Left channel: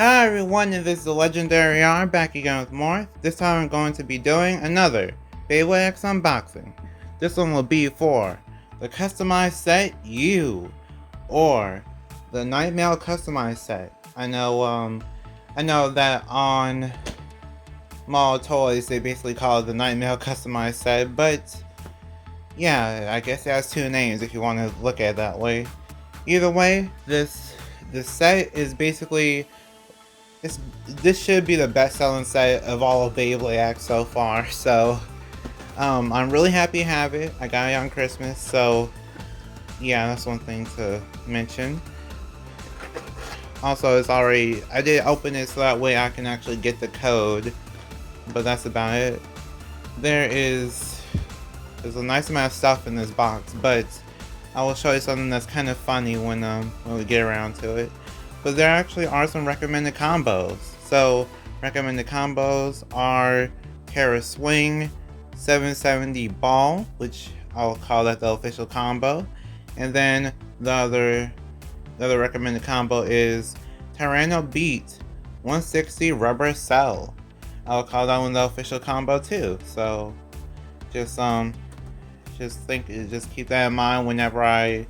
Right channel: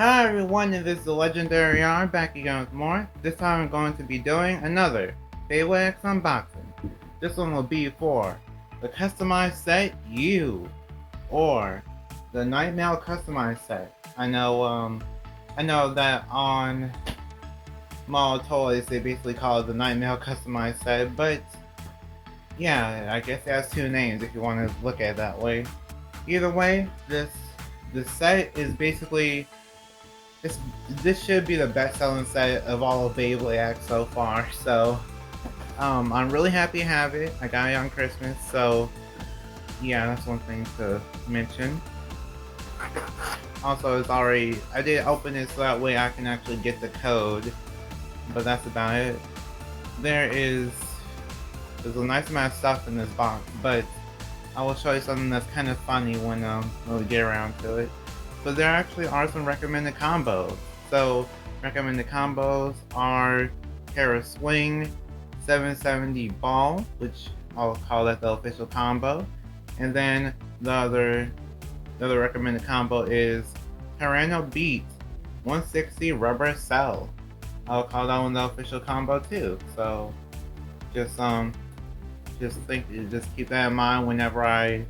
Hi everyone, and this is the Legendary R back again with more. This time I'm going to be doing another Beyblade X unboxing. This one will be for the customized set U, or the Nightmare customized set. I know that on Mall Toys they basically call it the Nightmare customized set, but yeah, I guess it has two names if you want to look at it that way. Either way, this set is basically this should be the best-selling set of all of Beyblade X so far. So I'm really happy to have it. I got it on Christmas, so yeah, that's one thing to mention. Also, I did open it so that way I can actually get the code, but that's about it. There's a nice amount of stuff in this box, but I will show you something that's kind of funny when we get around to it. But there actually are some recommended combos. So recommended combos are Terra Swing, 770 Ball, which I'll call that the official combo, and then the other recommended combo is Tyranno Beat, 160 Rubber Cell. I'll call that one the official combo too. So just keep that in mind whenever I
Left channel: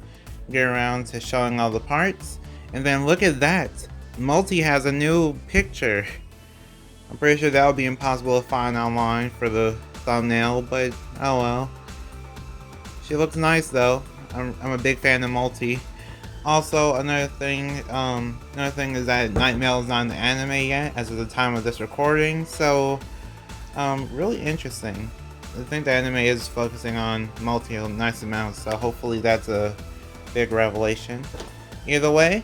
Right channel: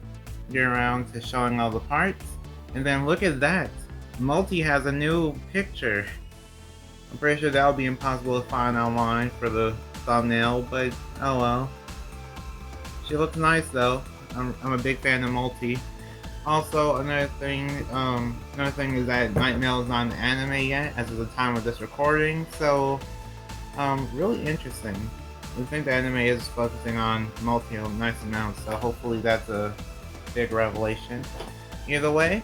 get around to showing all the parts. And then look at that, Multi has a new picture. I'm pretty sure that would be impossible to find online for the thumbnail, but oh well. She looks nice though. I'm a big fan of Multi. Also, another thing is that Nightmare is not an anime yet as of the time of this recording, so really interesting. I think the anime is focusing on Multi a nice amount, so hopefully that's a big revelation. Either way,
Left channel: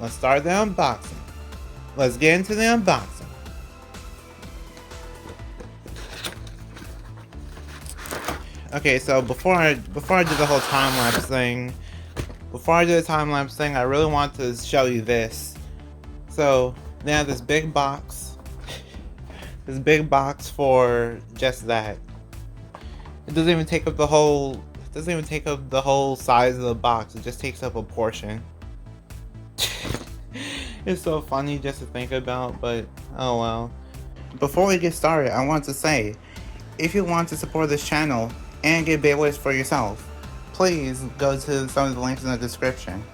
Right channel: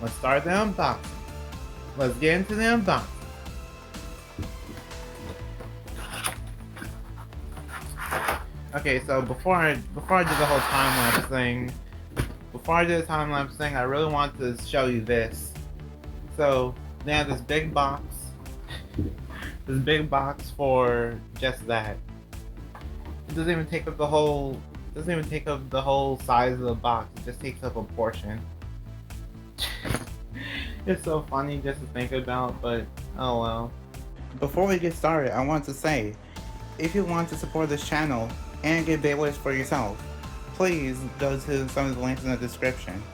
let's start the unboxing. Let's get into the unboxing. Okay, so before I do the whole time-lapse thing, I really want to show you this. So they have this big box, for just that. It doesn't even take up the whole size of the box. It just takes up a portion. It's so funny just to think about, but oh well. Before we get started, I want to say, if you want to support this channel and get Beyblades for yourself, please go to some of the links in the description.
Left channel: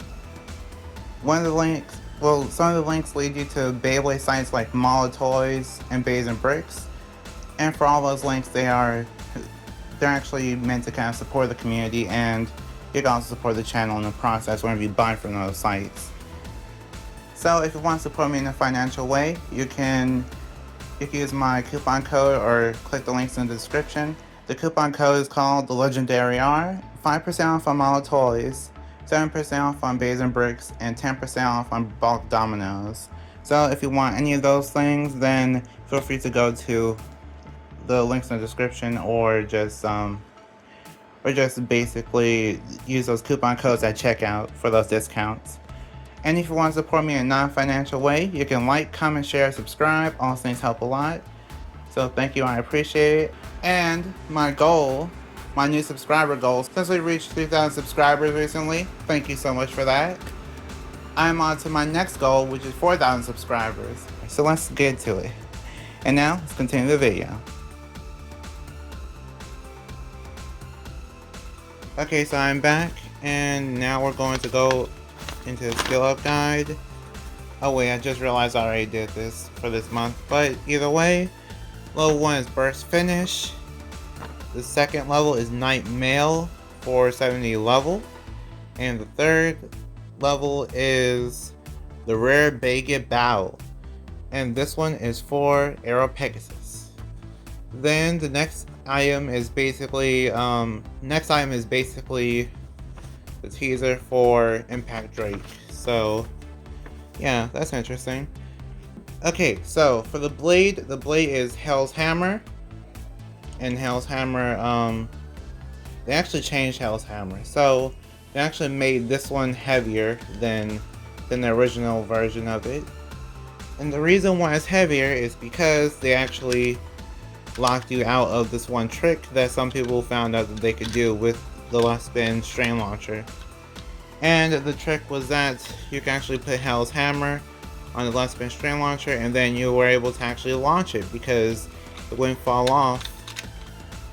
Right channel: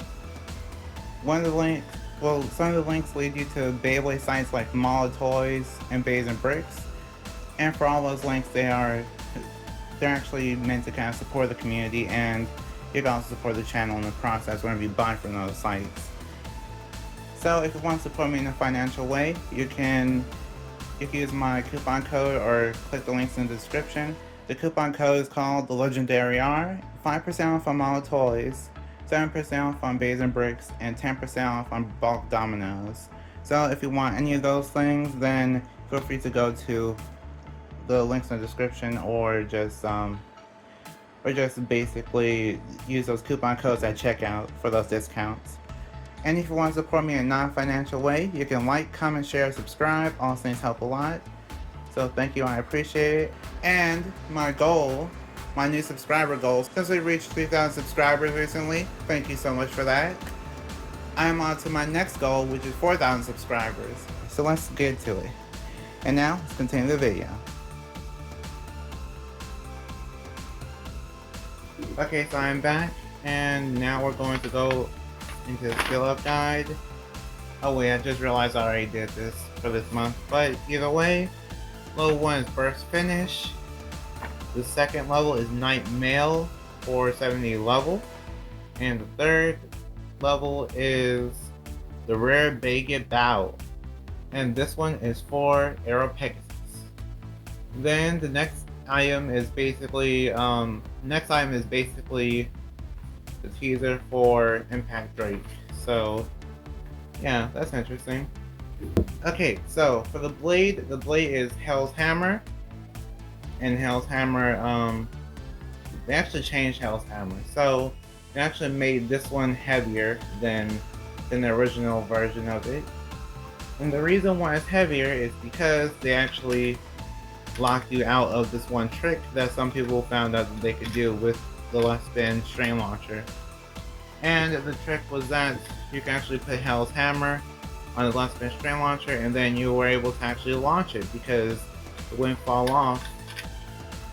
Some of the links lead you to Beyblade sites like Mall Toys and Bays and Bricks, and for all those links, they're actually meant to kind of support the community, and you can also support the channel in the process whenever you buy from those sites. So if you want to support me in a financial way, you can use my coupon code or click the links in the description. The coupon code is called the Legendary R, 5% off on Mall Toys, 7% off on Bays and Bricks, and 10% off on bulk dominoes. So if you want any of those things, then feel free to go to the links in the description, or just basically use those coupon codes at checkout for those discounts. And if you want to support me in a non-financial way, you can like, comment, share, subscribe. All those things help a lot. So thank you, I appreciate it. And my new subscriber goal, since we reached 3,000 subscribers recently, thank you so much for that. I'm on to my next goal, which is 4,000 subscribers. So let's get to it. And now, let's continue the video. Okay, so I'm back, and now we're going to go into the skill up guide. Oh wait, I just realized I already did this for this month, but either way, level 1 is Burst Finish. The second level is Night Mail, 470 level, and the third level is the Rare Baguette Battle, and this one is for Aero Pegasus. Then the next item is basically the teaser for Impact Drake. So yeah, that's interesting. Okay, so for the blade is Hell's Hammer. And Hell's Hammer, they actually changed Hell's Hammer. So they actually made this one heavier than the original version of it. And the reason why it's heavier is because they actually locked you out of this one trick that some people found out that they could do with the left spin strain launcher. And the trick was that you can actually put Hell's Hammer on the left spin string launcher, and then you were able to actually launch it because it wouldn't fall off.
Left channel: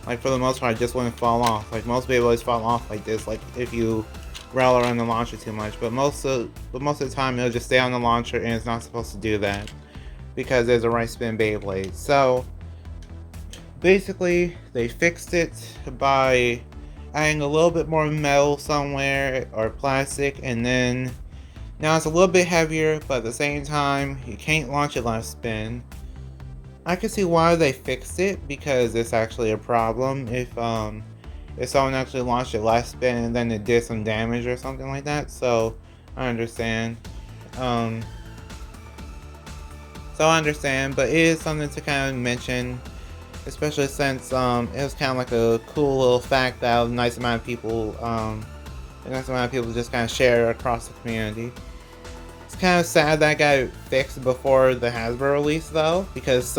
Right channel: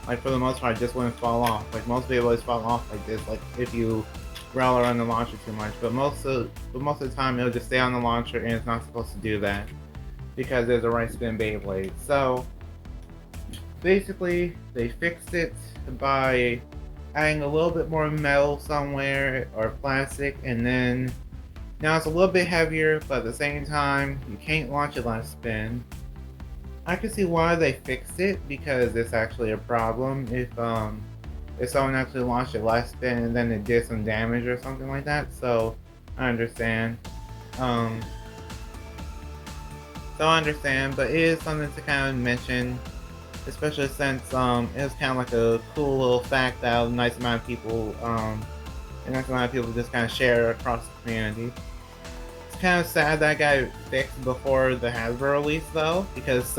Like, for the most part, it just wouldn't fall off. Like, most Beyblades fall off like this, like if you rail around the launcher too much. But most of the time, it'll just stay on the launcher, and it's not supposed to do that because there's a right spin Beyblade. So basically, they fixed it by adding a little bit more metal somewhere or plastic, and then now it's a little bit heavier, but at the same time, you can't launch it left spin. I can see why they fixed it because it's actually a problem if someone actually launched it left spin and then it did some damage or something like that. So I understand. So I understand, but it is something to kind of mention, especially since it was kind of like a cool little fact that a nice amount of people just kind of share across the community. It's kind of sad that got fixed before the Hasbro release though, because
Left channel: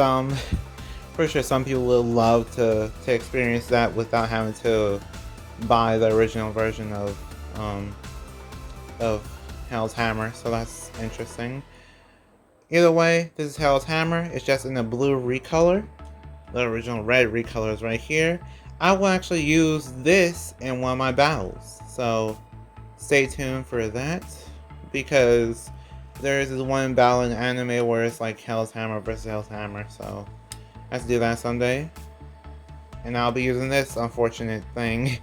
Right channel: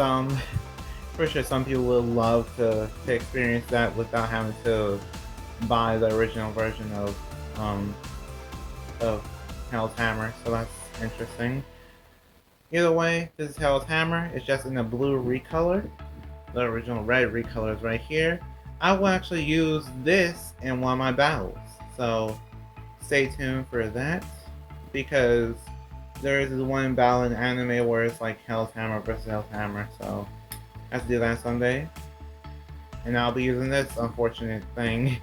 pretty sure some people would love to experience that without having to buy the original version of Hell's Hammer. So that's interesting. Either way, this is Hell's Hammer. It's just in the blue recolor. The original red recolor is right here. I will actually use this in one of my battles, so stay tuned for that, because there is this one battle in anime where it's like Hell's Hammer versus Hell's Hammer, so I have to do that someday. And I'll be using this unfortunate thing.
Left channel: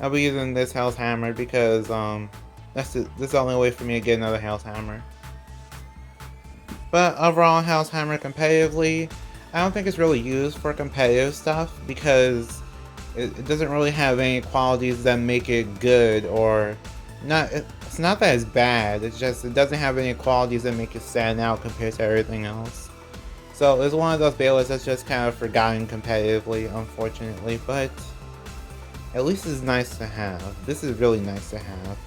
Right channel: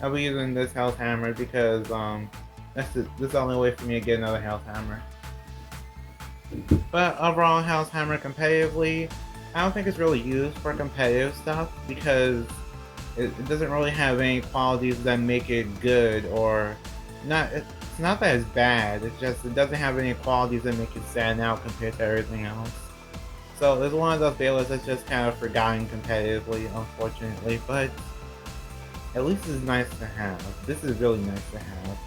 I'll be using this Hell's Hammer because this is the only way for me to get another Hell's Hammer. But overall, Hell's Hammer competitively, I don't think it's really used for competitive stuff because it doesn't really have any qualities that make it good, or not. It's not that it's bad, it's just it doesn't have any qualities that make it stand out compared to everything else. So it's one of those Beyblades that's just kind of forgotten competitively, unfortunately, but at least it's nice to have. This is really nice to have.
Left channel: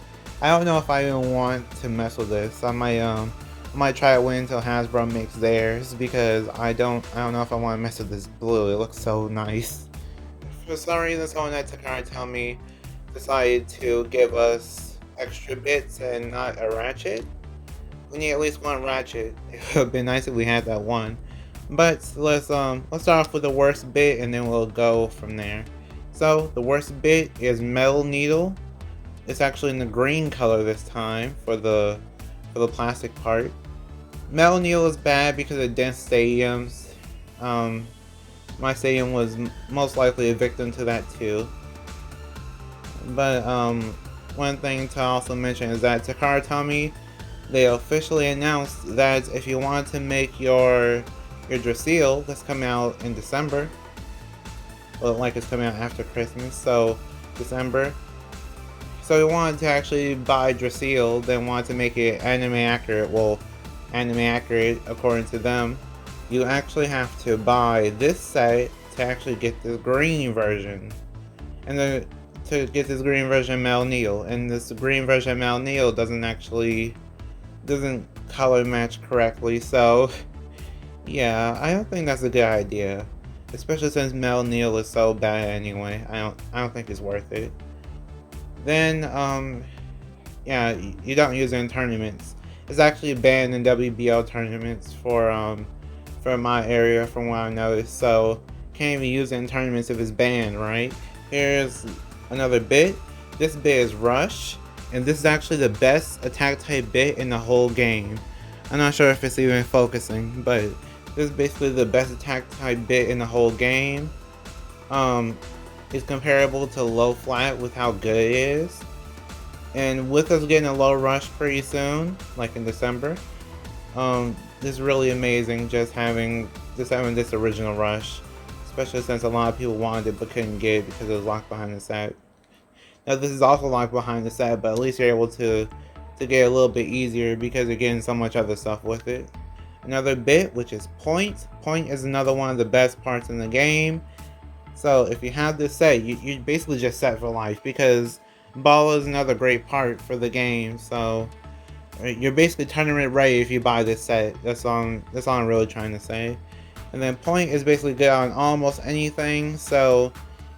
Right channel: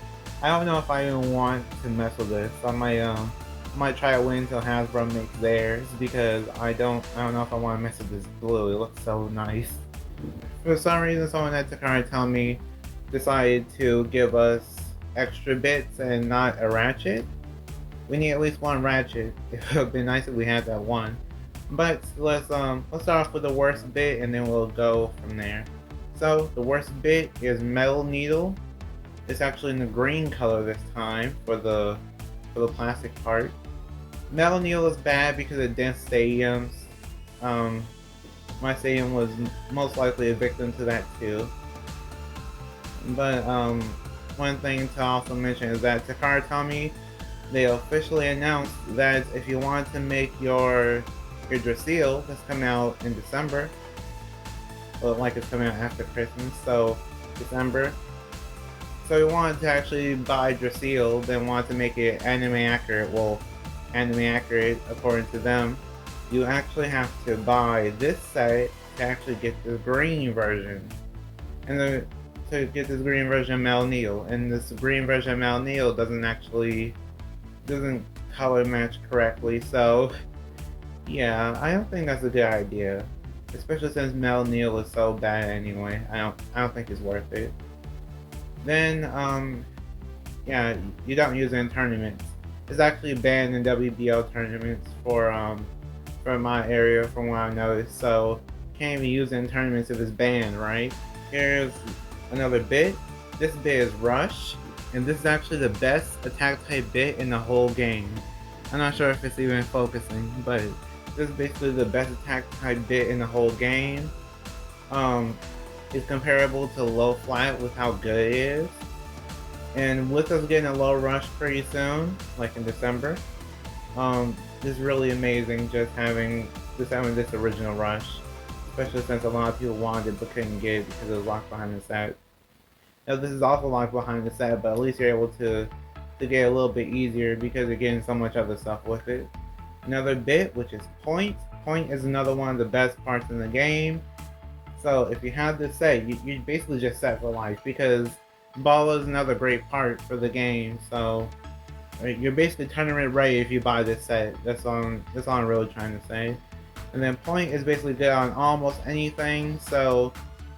I don't know if I even want to mess with this. I might try to wait until Hasbro makes theirs because I don't know if I want to mess with this blue. It looks so nice. For some reason, someone at Takara Tomy decided to give us extra bits and not a ratchet. We need at least one ratchet. It would have been nice if we had that one. But let's start off with the worst bit and then we'll go from there. So the worst bit is Metal Needle. It's actually in the green color this time for the plastic part. Metal Needle is bad because of dense stadiums. My stadium was most likely a victim to that too. But one thing to also mention is that Takara Tomy, they officially announced that if you want to make your Drasil that's coming out in December, well, like it's coming out after Christmas, so December. So you wanted to actually buy Drasil, then wanted to make it anime accurate. Well, anime accurate according to them. You actually have to buy this set to actually get the green version, and to get this green version of Metal Needle. And this green version of Metal Needle doesn't color match correctly. So yeah, I don't think that's a good idea, especially since Metal Needle is so bad anyway. I don't think it's worth it. Then yeah, you don't use it in tournaments. It's actually banned in WBO tournaments for my area, from what I noticed. So can't even use it in tournaments if it's banned, right? Here's another bit. This bit is Rush, and this is actually the best attack type bit in the whole game. I'm not sure if it's even focusing, but this is basically the best attack type bit in the whole game. It's comparable to low flat with how good it is. And with us getting a low rush pretty soon, like in December, this is really amazing just having this original rush, especially since a lot of people wanted it but couldn't get it because it was locked behind the set. Now this is also locked behind the set, but at least you're able to get a little bit easier because you're getting so much other stuff with it. Another bit, which is Point. Point is another one of the best parts in the game. So if you have this set, you're basically just set for life, because Ball is another great part for the game. So you're basically tournament ready if you buy this set. That's all I'm really trying to say. And then Point is basically good on almost anything. So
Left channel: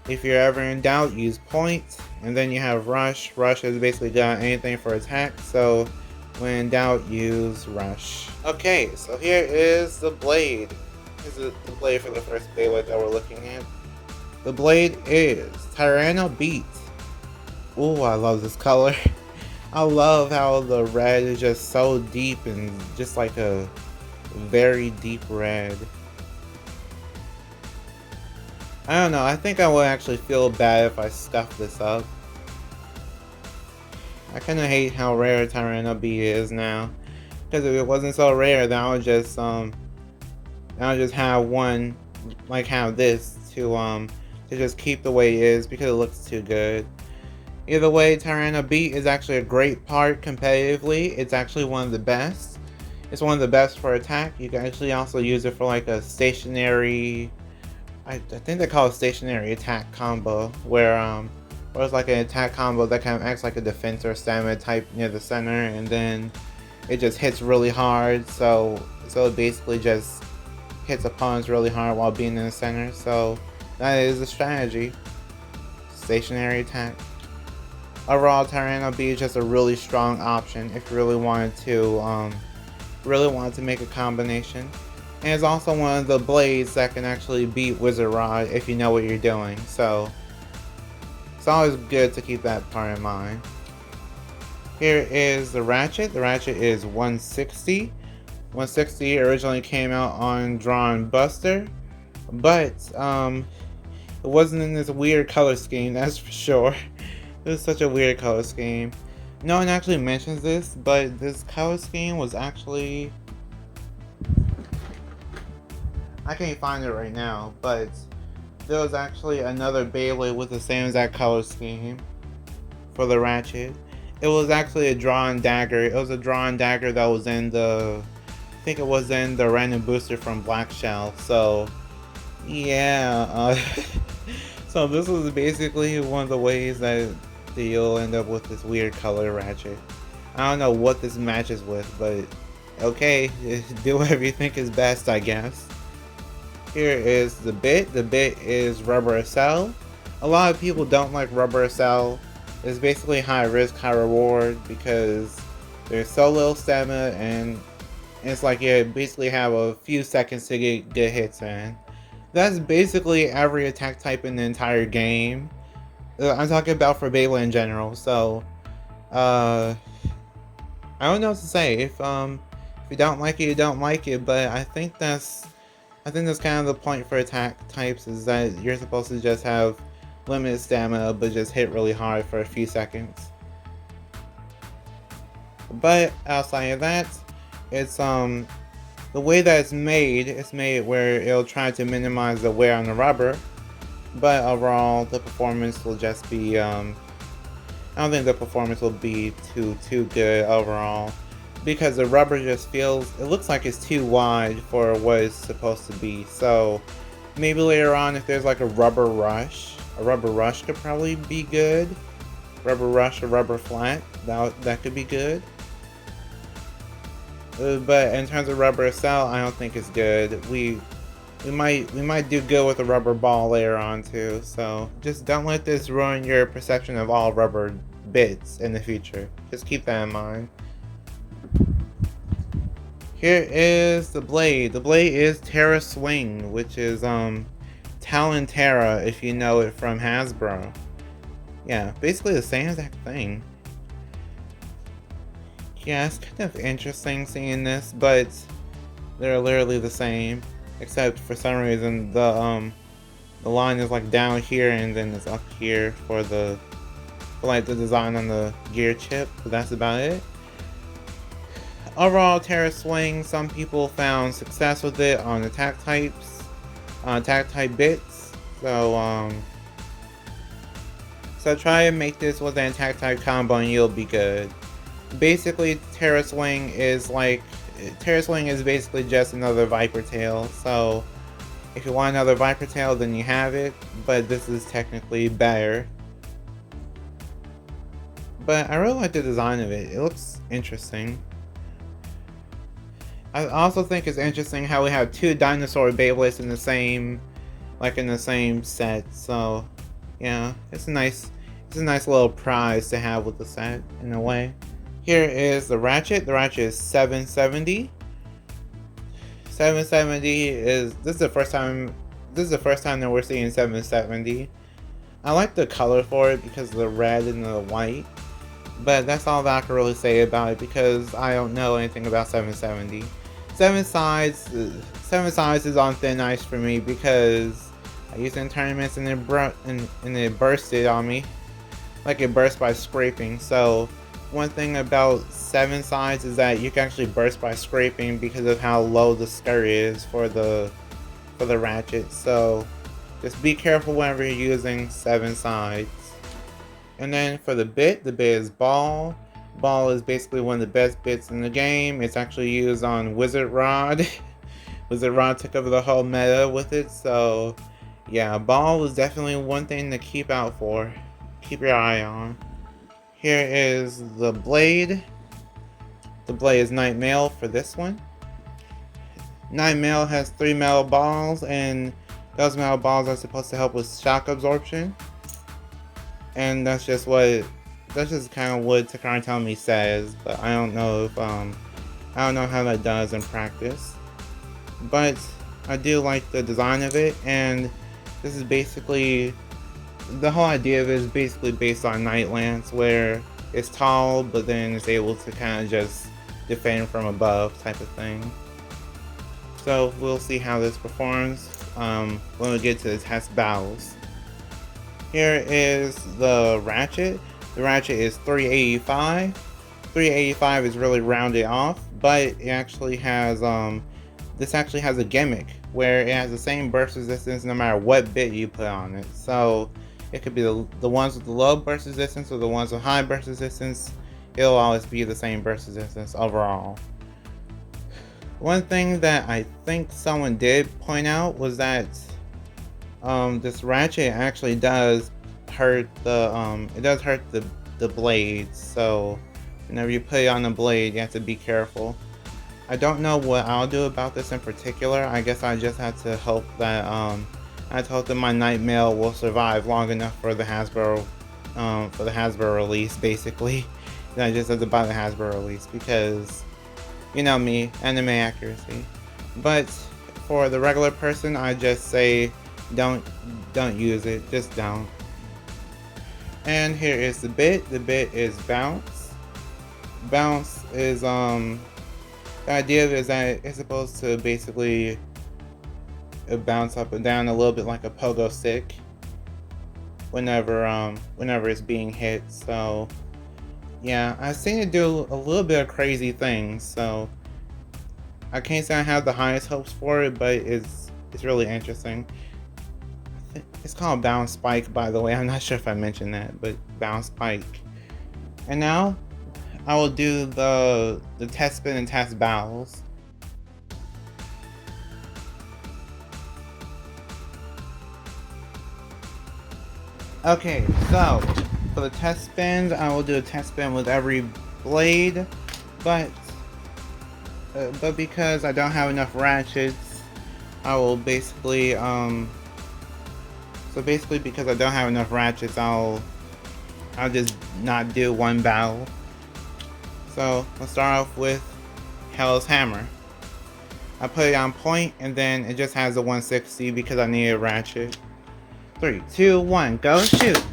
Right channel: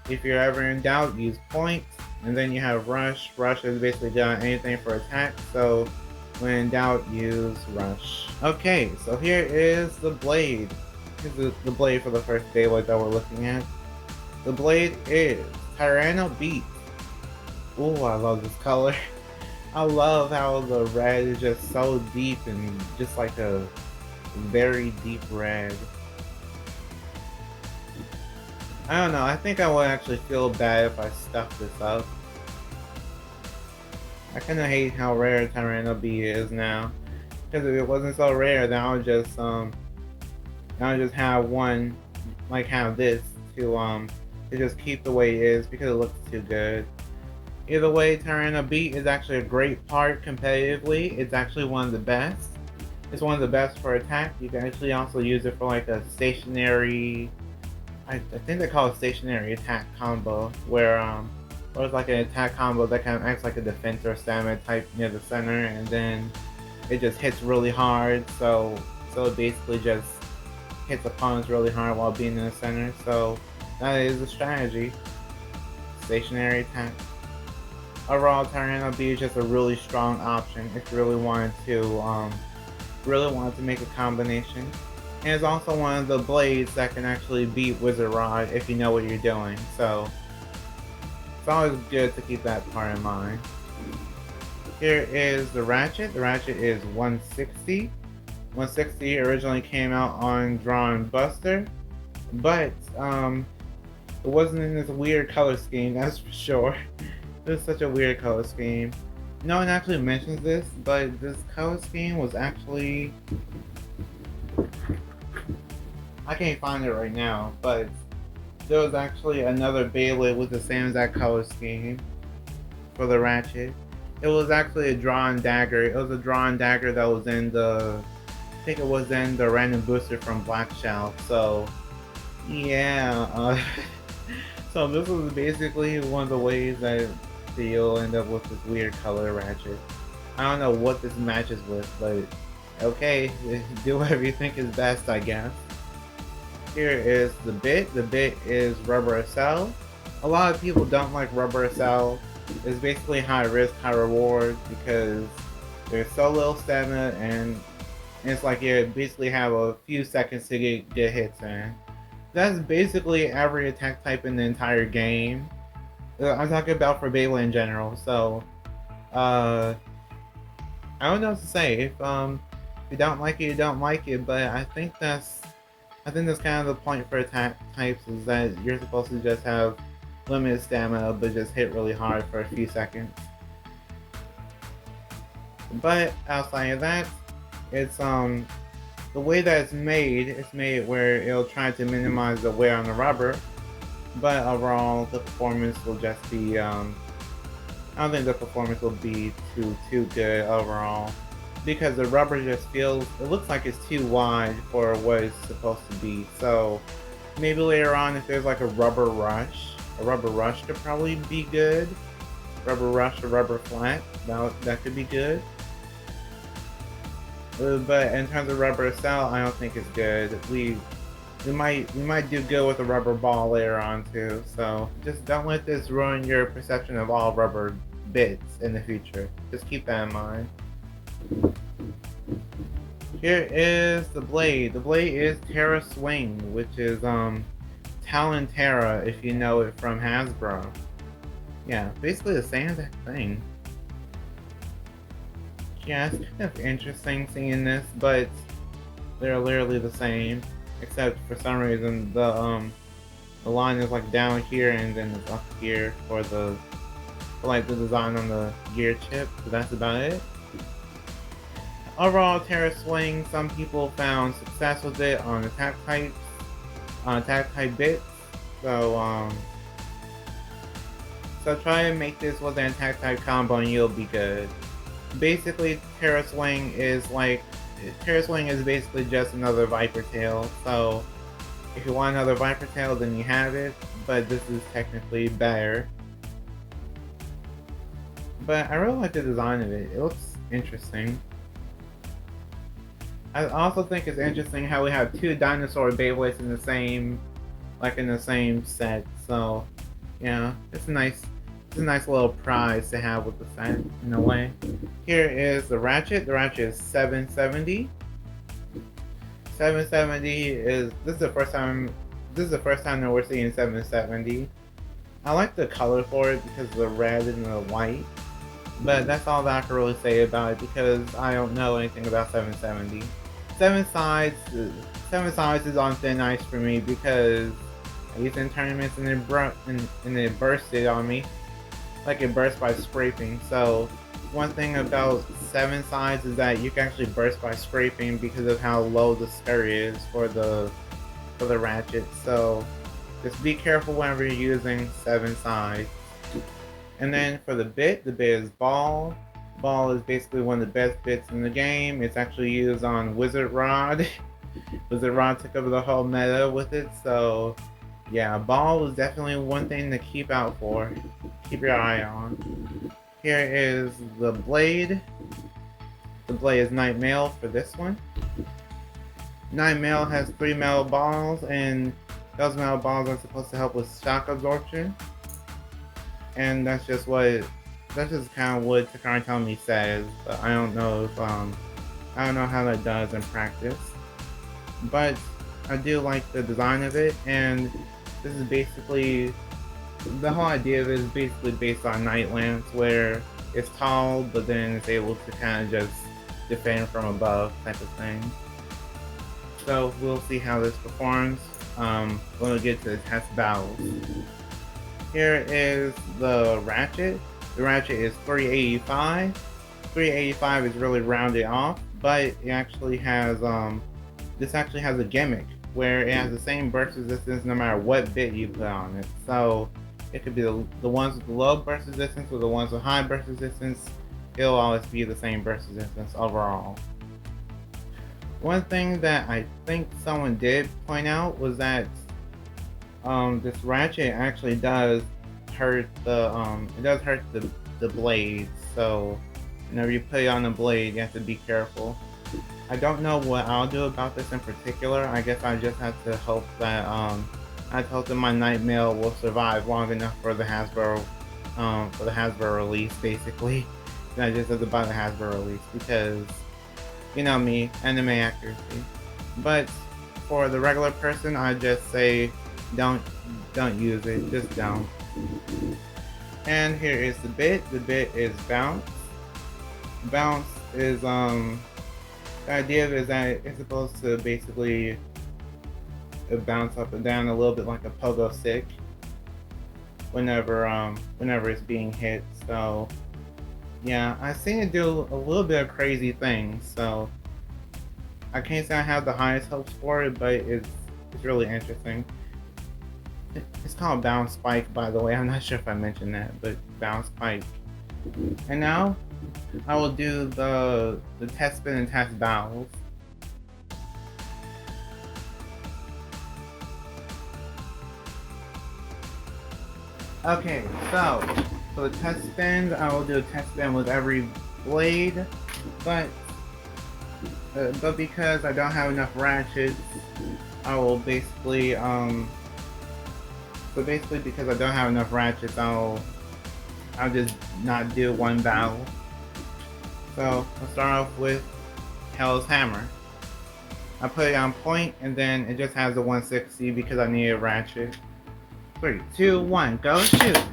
if you're ever in doubt, use Point. And then you have Rush. Rush is basically good on anything for attack. So When in doubt, use Rush. Okay, so here is the blade. Here's the blade for the first Beyblade that we're looking at. The blade is Takara Beat. Ooh, I love this color. I love how the red is just so deep and just like a very deep red. I don't know, I think I would actually feel bad if I stuffed this up. I kinda hate how rare Takara B is now. Because if it wasn't so rare, then I would just have one, like have this to just keep the way it is because it looks too good. Either way, Takara B is actually a great part competitively. It's actually one of the best. It's one of the best for attack. You can actually also use it for like a stationary, I think they call it stationary attack combo, where it's like an attack combo that kind of acts like a defense or stamina type near the center, and then it just hits really hard. So it basically just hits opponents really hard while being in the center. So that is a strategy. Stationary attack. Overall, Takara B is just a really strong option if you really wanted to make a combination. And it's also one of the blades that can actually beat Wizard Rod if you know what you're doing. So it's always good to keep that part in mind. Here is the Ratchet. The Ratchet is 160. 160 originally came out on Drawn Buster, but it wasn't in this weird color scheme, that's for sure. It was such a weird color scheme. No one actually mentions this, but this color scheme was actually... I can't find it right now, but there was actually another Beyblade with the same exact color scheme for the Ratchet. It was actually a drawn dagger. It was a drawn dagger that was in the... I think it was in the random booster from Black Shell. So, yeah. So this was basically one of the ways that you'll end up with this weird color Ratchet. I don't know what this matches with, but okay, do whatever you think is best, I guess. Here is the bit. The bit is Rubber Cell. A lot of people don't like Rubber Cell. It's basically high risk, high reward because there's so little stamina and it's like you basically have a few seconds to get hits in. That's basically every attack type in the entire game. I'm talking about for Beyblade in general, so I don't know what to say. If you don't like it, you don't like it, but I think that's kind of the point for attack types, is that you're supposed to just have limited stamina but just hit really hard for a few seconds. But outside of that, it's the way that it's made where it'll try to minimize the wear on the rubber, but overall the performance will just be I don't think the performance will be too good overall, because the rubber just it looks like it's too wide for what it's supposed to be. So maybe later on, if there's like a rubber rush could probably be good. Rubber rush or rubber flat, that could be good. But in terms of Rubber Cell, I don't think it's good. We might do good with a rubber ball later on too. So just don't let this ruin your perception of all rubber bits in the future. Just keep that in mind. Here is the blade. The blade is Terra Swing, which is Talon Terra if you know it from Hasbro. Yeah, basically the same exact thing. Yeah, it's kind of interesting seeing this, but they're literally the same, except for some reason the line is like down here and then it's up here for like the design on the gear chip, but that's about it. Overall, Terra Swing, some people found success with it on attack types, on attack type bits. So try and make this with an attack type combo and you'll be good. Basically, Terra Swing is basically just another Viper Tail. So if you want another Viper Tail, then you have it, but this is technically better. But I really like the design of it. It looks interesting. I also think it's interesting how we have two dinosaur Beyblades in the same set. So yeah, it's a a nice little prize to have with the set in a way. Here is the ratchet. The ratchet is 770. 770 is this is the first time that we're seeing 770. I like the color for it because of the red and the white, but that's all that I can really say about it because I don't know anything about 770. Seven sides is on thin ice for me because I used it in tournaments and it bursted on me, like it burst by scraping. So one thing about 7 sides is that you can actually burst by scraping because of how low the skirt is for the ratchet. So just be careful whenever you're using 7 sides. And then for the bit is ball. Ball is basically one of the best bits in the game. It's actually used on Wizard Rod. Wizard Rod took over the whole meta with it, so yeah, ball is definitely one thing to keep out for. Keep your eye on. Here is the blade. The blade is Night Mail for this one. Night Mail has 3 metal balls, and those metal balls are supposed to help with shock absorption. And that's just kind of what Takara Tomy says, but I don't know how that does in practice. But I do like the design of it, and this is basically the whole idea of it is basically based on Night Lance, where it's tall, but then it's able to kind of just defend from above type of thing. So we'll see how this performs when we get to the test battles. Here is the ratchet. The ratchet is 385. 385 is really rounded off, but it actually has this actually has a gimmick where it has the same burst resistance no matter what bit you put on it. So it could be the ones with the low burst resistance or the ones with high burst resistance. It'll always be the same burst resistance overall. One thing that I think someone did point out was that this ratchet actually does hurt the blades. So whenever you put it on the blade, you have to be careful. I don't know what I'll do about this in particular. I guess I just had to hope that my Night Mail will survive long enough for the Hasbro release, basically. And I just have to buy the Hasbro release because, you know me, anime accuracy. But for the regular person, I just say don't use it. Just don't. And here is the bit. The bit is bounce. Bounce is the idea of it is that it's supposed to basically bounce up and down a little bit like a pogo stick whenever it's being hit. So yeah, I've seen it do a little bit of crazy things. So I can't say I have the highest hopes for it, but it's really interesting. It's called Bounce Spike, by the way. I'm not sure if I mentioned that, but Bounce Spike. And now I will do the test spin and test battles. Okay, so for the test spins, I will do a test spin with every blade, but because I don't have enough ratchets, I will basically because I don't have enough ratchets, I'll just not do one battle. So let's start off with Hell's Hammer. I put it on point, and then it just has a 160 because I need a ratchet. 3, 2, 1, go shoot!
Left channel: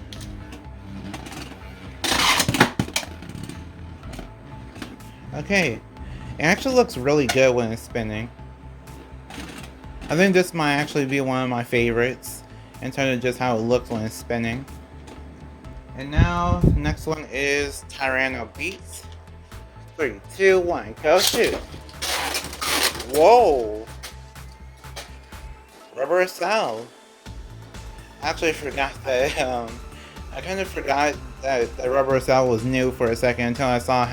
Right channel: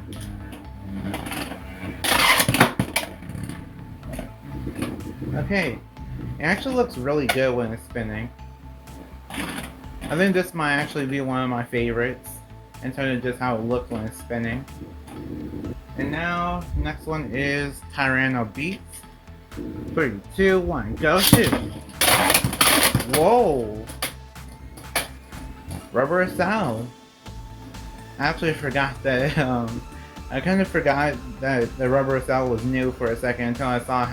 Okay, it actually looks really good when it's spinning. I think this might actually be one of my favorites in terms of just how it looks when it's spinning. And now, next one is Tyranno Beats. 3, 2, 1, go shoot! Whoa! Rubber Cell. I actually forgot that, I kind of forgot that the Rubber Cell was new for a second until I saw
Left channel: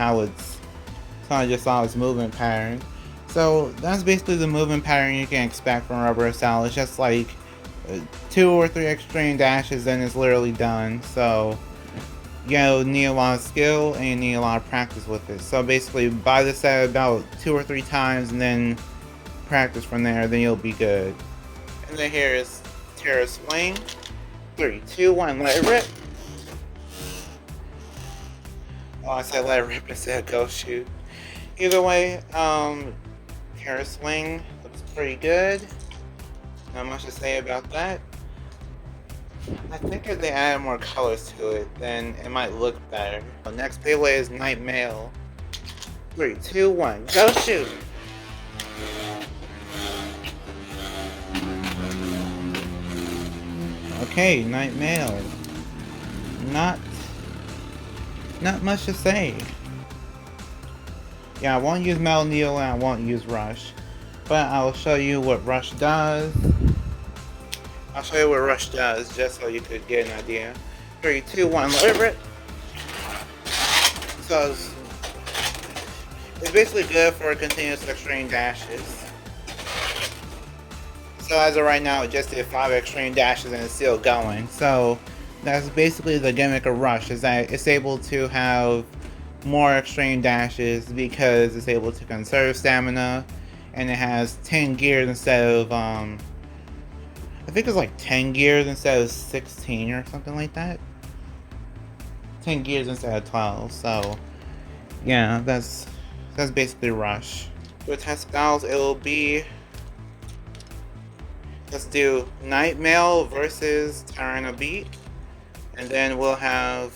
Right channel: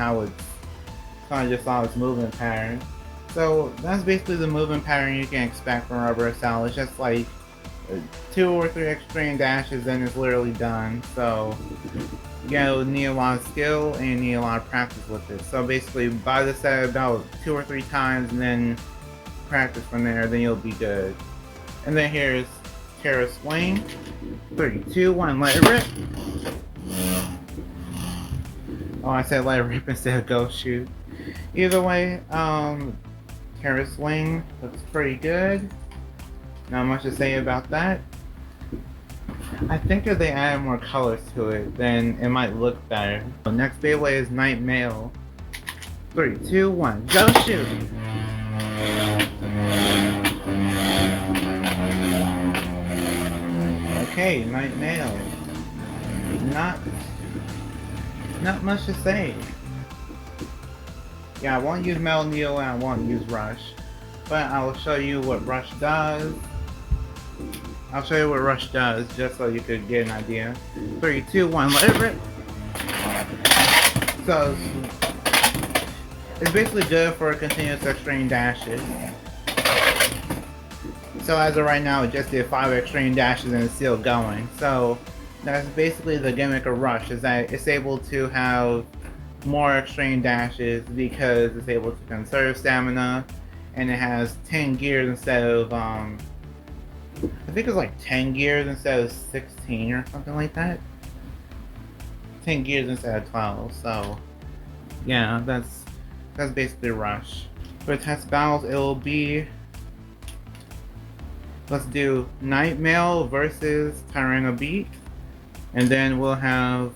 I just saw its movement pattern. So that's basically the movement pattern you can expect from Rubber Cell. It's just like 2 or 3 extreme dashes and it's literally done. So you need a lot of skill and you need a lot of practice with it. So basically buy the set about 2 or 3 times and then practice from there, then you'll be good. And then here is Terra Swing. 3, 2, 1, let it rip. Oh, I said let it rip instead of go shoot. Either way, Terra Swing looks pretty good. Not much to say about that. I think if they add more colors to it, then it might look better. Next Beyblade is Night Mail. 3, 2, 1, go shoot! Okay, Night Mail. Not much to say. Yeah, I won't use Metal Needle and I won't use Rush. But I will show you what Rush does. I'll show you what Rush does just so you could get an idea. 3, 2, 1, let it rip! So it's basically good for continuous extreme dashes. So as of right now, it just did 5 extreme dashes and it's still going. So that's basically the gimmick of Rush, is that it's able to have more extreme dashes because it's able to conserve stamina, and it has 10 gears instead of I think it's like 10 gears instead of 16 or something like that. 10 gears instead of 12. So yeah, that's basically Rush. For test battles, it will be, let's do Night Mail versus Tyranno Beat, and then we'll have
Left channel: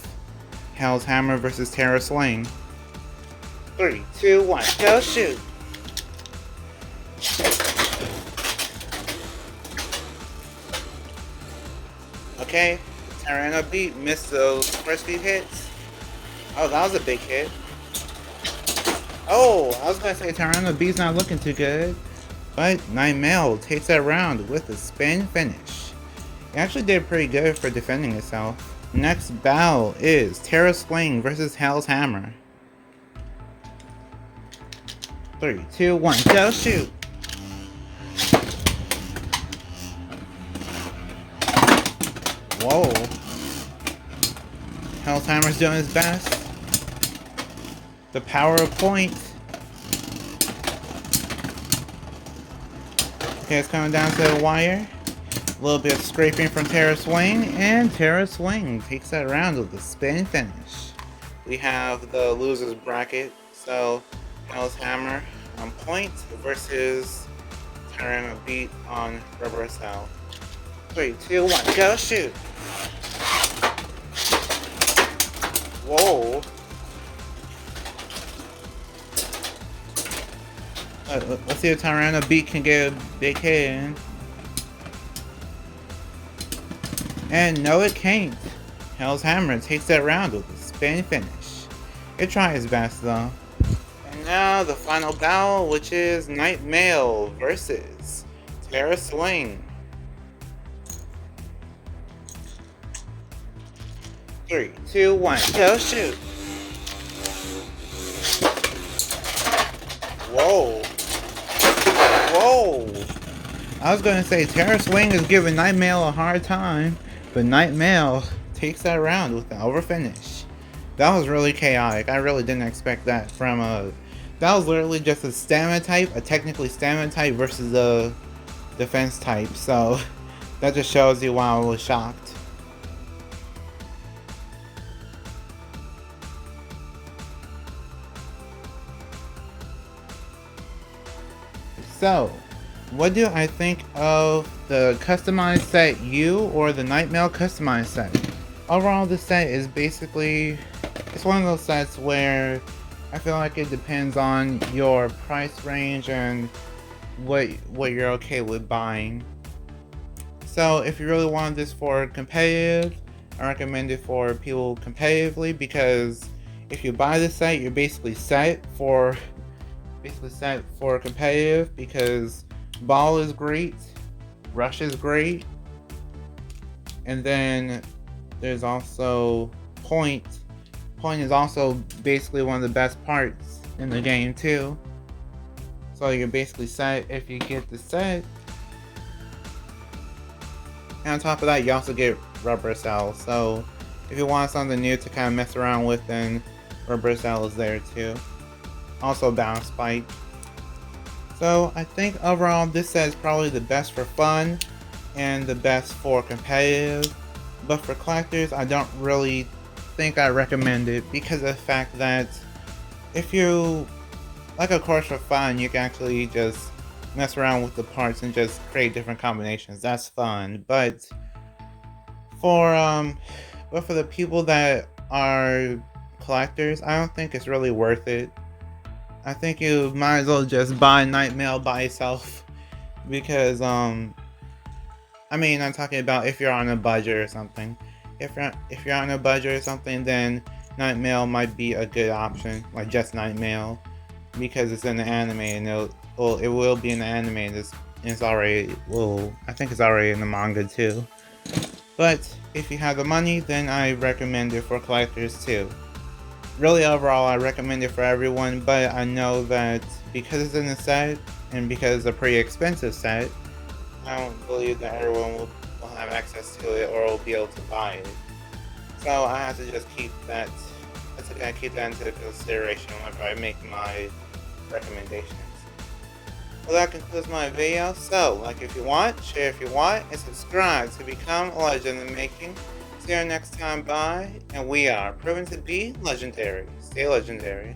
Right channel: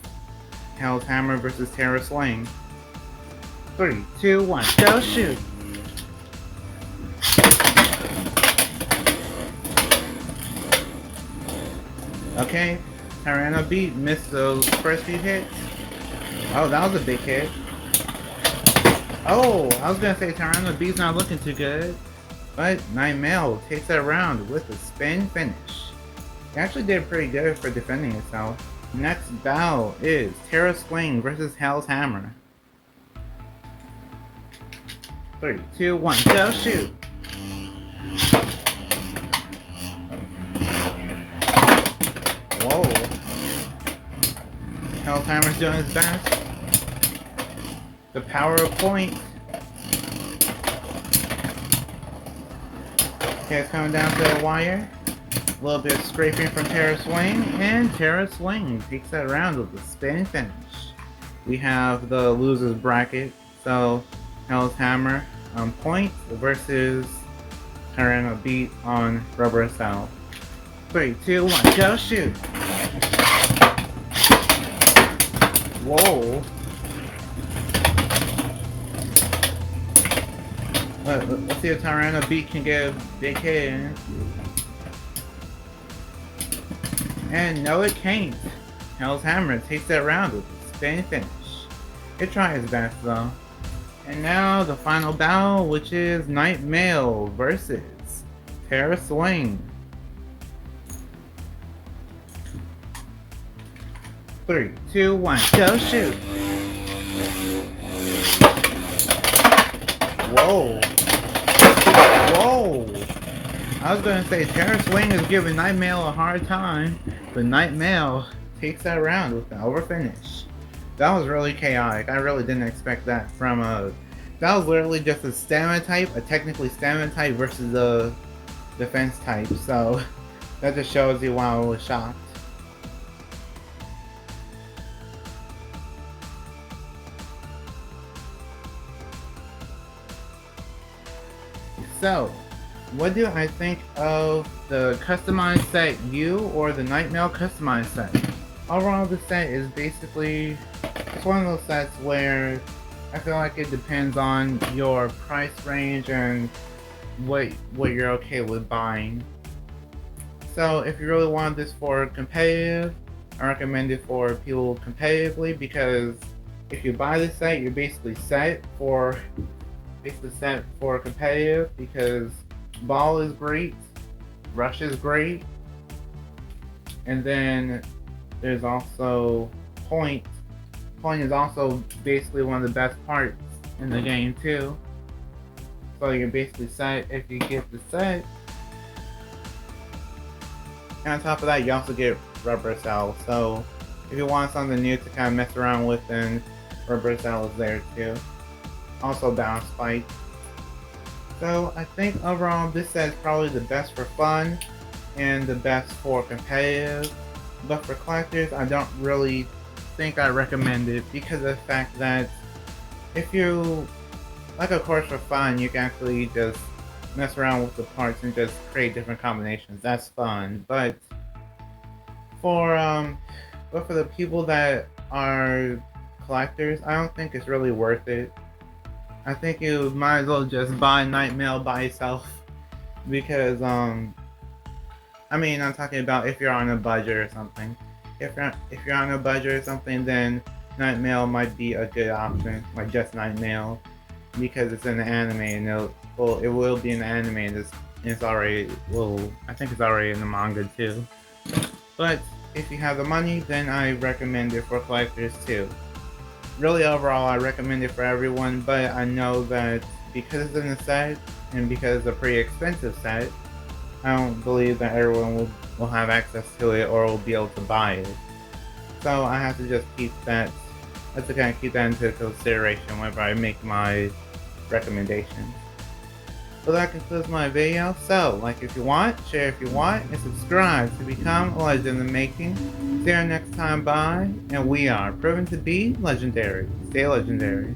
Hell's Hammer versus Terra Swing. 3, 2, 1, go shoot! Okay, Tyranno Beat missed those first few hits. Oh, that was a big hit. Oh, I was gonna say Tyranno Beat's not looking too good. But Night Mail takes that round with a spin finish. It actually did pretty good for defending itself. Next battle is Terra Swing versus Hell's Hammer. 3, 2, 1, go shoot! Whoa. Hell's Hammer's doing his best. The power of point. Okay, it's coming down to the wire. A little bit of scraping from Terra Swing, and Terra Swing takes that round with a spin finish. We have the loser's bracket, so Hell's Hammer on point versus Tyranno Beat on Rubber Cell. 3, 2, 1, go shoot! Whoa! Let's see if Tyranno Beat can get a big hit in. And no, it can't. Hell's Hammer takes that round with a spin finish. It tried its best though. And now the final battle, which is Night Mail versus Terra Swing. 3, 2, 1, go shoot! Whoa! Whoa! I was gonna say Terra Swing is giving Night Mail a hard time, but Night Mail takes that round with an over finish. That was really chaotic. I really didn't expect that from a... That was literally just a stamina type, a technically stamina type versus a defense type, so that just shows you why I was shocked. So, what do I think of the customized set U or the Night Mail customized set? Overall, this set is basically, it's one of those sets where I feel like it depends on your price range and what you're okay with buying. So if you really want this for competitive, I recommend it for people competitively, because if you buy this set, you're basically set for competitive, because Ball is great, Rush is great, and then there's also Point. Point is also basically one of the best parts in the game too. So you're basically set if you get the set. And on top of that, you also get Rubber Cell. So if you want something new to kind of mess around with, then Rubber Cell is there too. Also Bounce Spike. So I think overall this set is probably the best for fun and the best for competitive. But for collectors, I don't really think I recommend it because of the fact that if you like a course for fun, you can actually just mess around with the parts and just create different combinations. That's fun. For but for the people that are collectors, I don't think it's really worth it. I think you might as well just buy Night Mail by itself because I mean, I'm talking about if you're on a budget or something. If you're on a budget or something, then Night Mail might be a good option, like just Night Mail, because it's in the anime and it will be in the anime. And it's already I think it's already in the manga too. But if you have the money, then I recommend it for collectors too. Really, overall, I recommend it for everyone, but I know that because it's in the set and because it's a pretty expensive set, I don't believe that everyone will have access to it or will be able to buy it. So I have to just keep that. I have to kind of keep that into consideration whenever I make my recommendations. So that concludes my video. So, like if you want, share if you want, and subscribe to become a legend in the making. See you next time, bye. And we are proven to be legendary. Stay legendary.